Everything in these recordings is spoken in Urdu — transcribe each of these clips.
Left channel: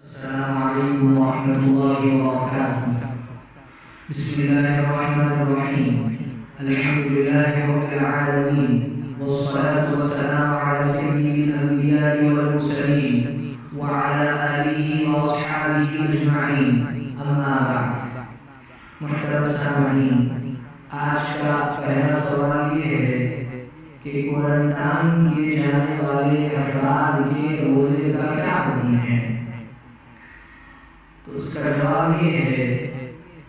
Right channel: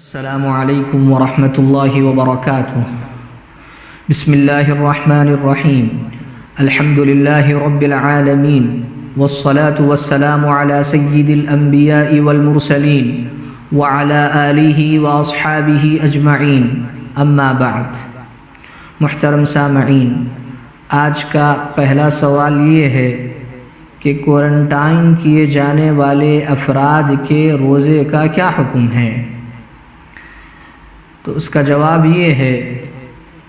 السلام علیکم ورحمۃ اللہ وبرکاتہ۔ بسم اللہ الرحمن الرحیم۔ الحمد للہ رب العالمین والصلاة والسلام علی سید الانبیاء والمرسلین وعلی آلہ واصحابہ اجمعین، اما بعد۔ محترم سامعین، آج کا پہلا سوال یہ ہے کہ کوارنٹائن کیے جانے والے افراد کے روزے کا کیا حکم ہے؟ تو اس کا جواب یہ ہے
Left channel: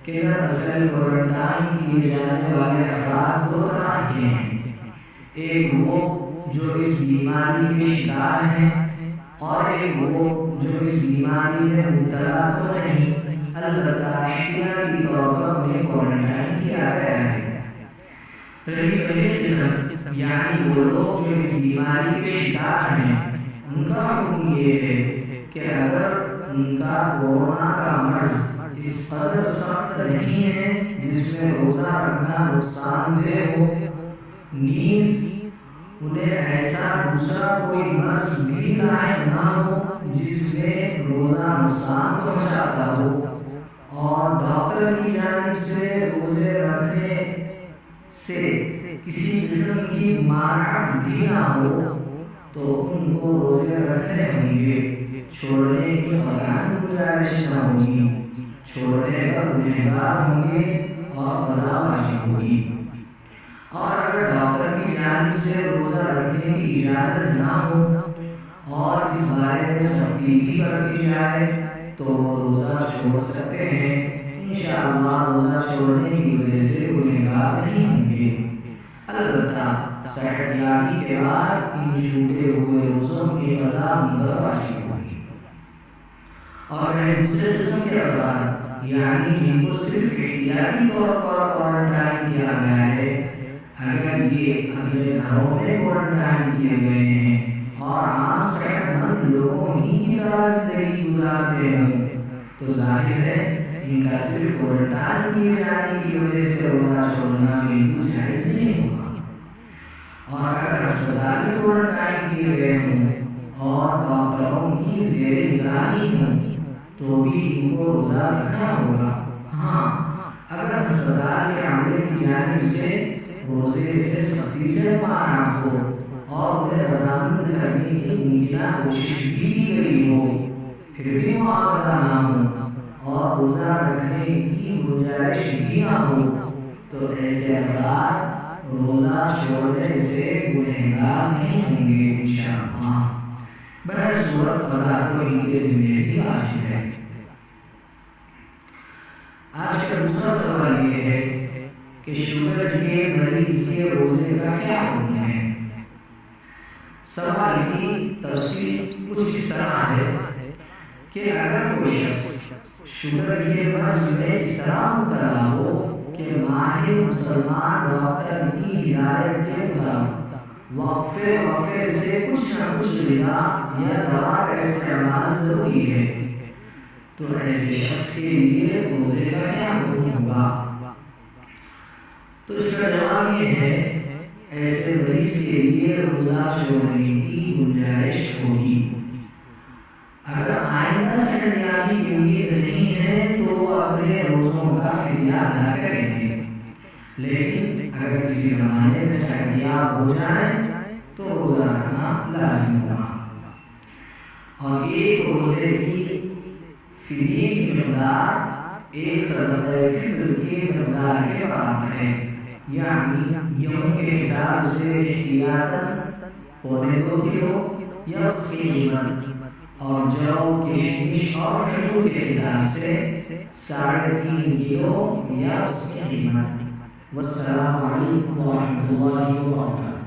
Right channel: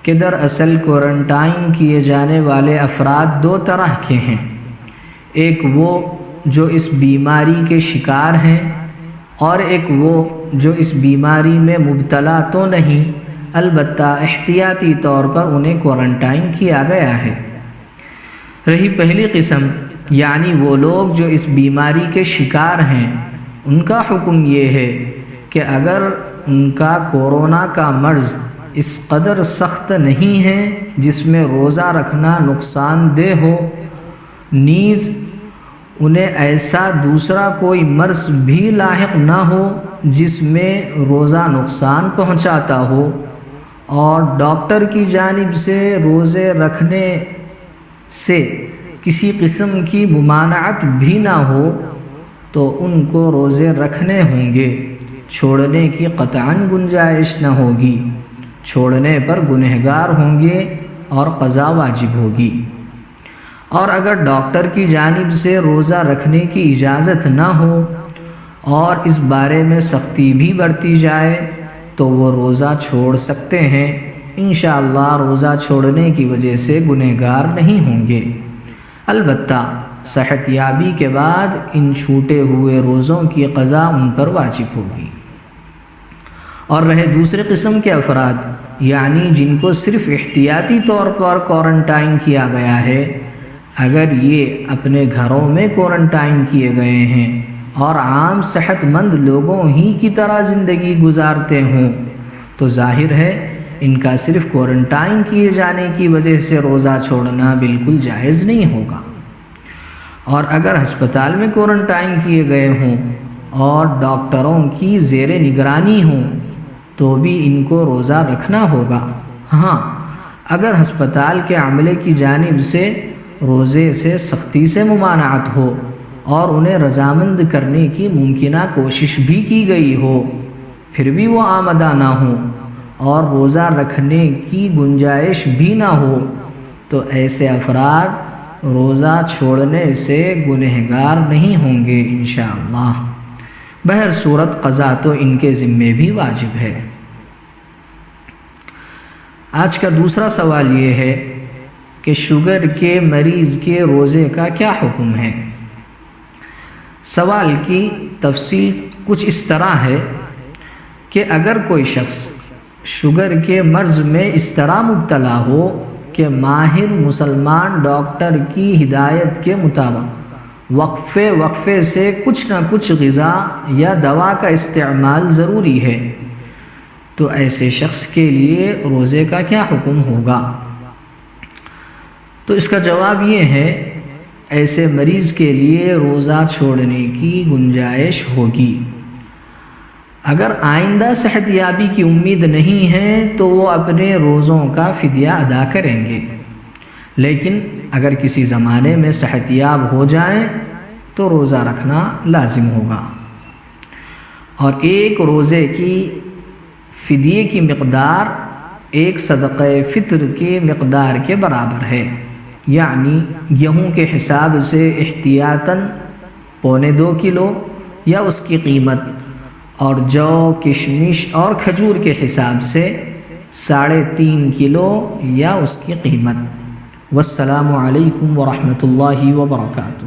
کہ دراصل کوارنٹائن کیے جانے والے افراد دو طرح کے ہیں۔ ایک وہ جو اس بیماری کے شکار ہیں، اور ایک وہ جو اس بیماری میں مبتلا تو نہیں، البتہ احتیاطی طور پر انہیں کوارنٹائن کیا گیا ہے۔ رہی پہلی قسم، یعنی وہ لوگ جو اس بیماری کے شکار ہیں، ان کا حکم یہ ہے کہ اگر ان کا کورونا کا مرض اس قدر سخت نہیں ہے جس میں روزہ رکھنا نقصان دہ ہو، نیز انہیں ایسا دوسرا کوئی مرض بھی لاحق نہ ہو جس میں روزہ نقصان پہنچاتا ہو، اور ڈاکٹر کی جانب سے روزے رکھنے سے کسی قسم کی ممانعت بھی نہ ہو، تو ان کو روزے رکھنے ہوں گے، چھوڑنے کی قطعاً گنجائش نہ ہوگی۔ چھوڑنے پر گنہگار ہوں گے اور قضا واجب ہوگی۔ اور اگر ڈاکٹر کی جانب سے روزہ رکھنے کی اجازت نہ ہو اور اس بارے میں سختی بھی برتی جائے تو وہ روزہ چھوڑ سکتے ہیں۔ انشاءاللہ روزہ چھوڑنے کی وجہ سے گنہگار نہیں ہوں گے، البتہ صحت یابی کے بعد ان چھوٹے ہوئے روزوں کی قضا ان پر واجب ہوگی۔ اور رہے دوسرے قسم کے افراد، یعنی جن کو صرف احتیاطی طور پر کوارنٹائن کیا گیا ہے، اگر یہ اپنے گھروں میں کوارنٹائن کیے گئے ہیں اور عام صحت مند لوگوں ہی کی طرح زندگی گزارتے ہوں، تو ظاہر ہے ان کا صرف کوارنٹائن کیے جانے کی وجہ سے روزہ چھوڑنا بالکل جائز نہیں ہوگا۔ اور اگر ہسپتال میں کوارنٹائن کیے گئے ہوں اور ڈاکٹروں کی زیر نگرانی ہوں تو بھی ان کو روزہ رکھنا ہوگا۔ ہاں، اگر ہسپتال کے عملے کی جانب سے روزے سے سختی سے ممانعت ہو اور انہیں رضامند کرنے کی ممکنہ کوشش بھی کی گئی ہو، پھر بھی وہ آمادہ نہ ہوں اور روزہ رکھنے کی گنجائش بھی نہ ہو، تو ایسے افراد روزہ چھوڑنے سے گنہگار نہیں ہوں گے انشاءاللہ۔ بہر صورت قضا تو ان کے ذمے بھی واجب ہے۔ آج کا دوسرا سوال یہ ہے کہ شوگر کے مریض کے روزے کا کیا حکم ہے؟ سوال کی تفصیل کچھ اس طرح ہے کہ اگر کوئی شخص شوگر کے مرض میں اس طرح مبتلا ہو کہ ماہر مسلمان ڈاکٹر کی ہدایت کے مطابق وقفے سے کچھ نہ کچھ غذا یا دوا کا استعمال ضروری ہے، تو ایسے شخص کے لیے روزے کا کیا حکم ہوگا؟ تو اس کا جواب یہ ہے، ایسے مریض کے لیے روزہ چھوڑنے کی گنجائش ہوگی۔ اگر آئندہ صحت یابی کی امید نہیں ہے تو وہ اپنے روزوں کا فدیہ ادا کریں گے، لیکن اگر کسی زمانے میں صحت یاب ہو جائیں تو روزہ رکھنا لازم ہوگا۔ اور ایک روزے کی فدیے کی مقدار ایک صدقہ فطر کی مقدار کے برابر ہے، یعنی گیہوں کے حساب سے احتیاطاً 1.25 کلو یا اس کی قیمت، اور جو، کشمش اور کھجور کے حساب سے 3.5 کلو یا اس کی قیمت۔ والسلام علیکم ورحمۃ اللہ وبرکاتہ۔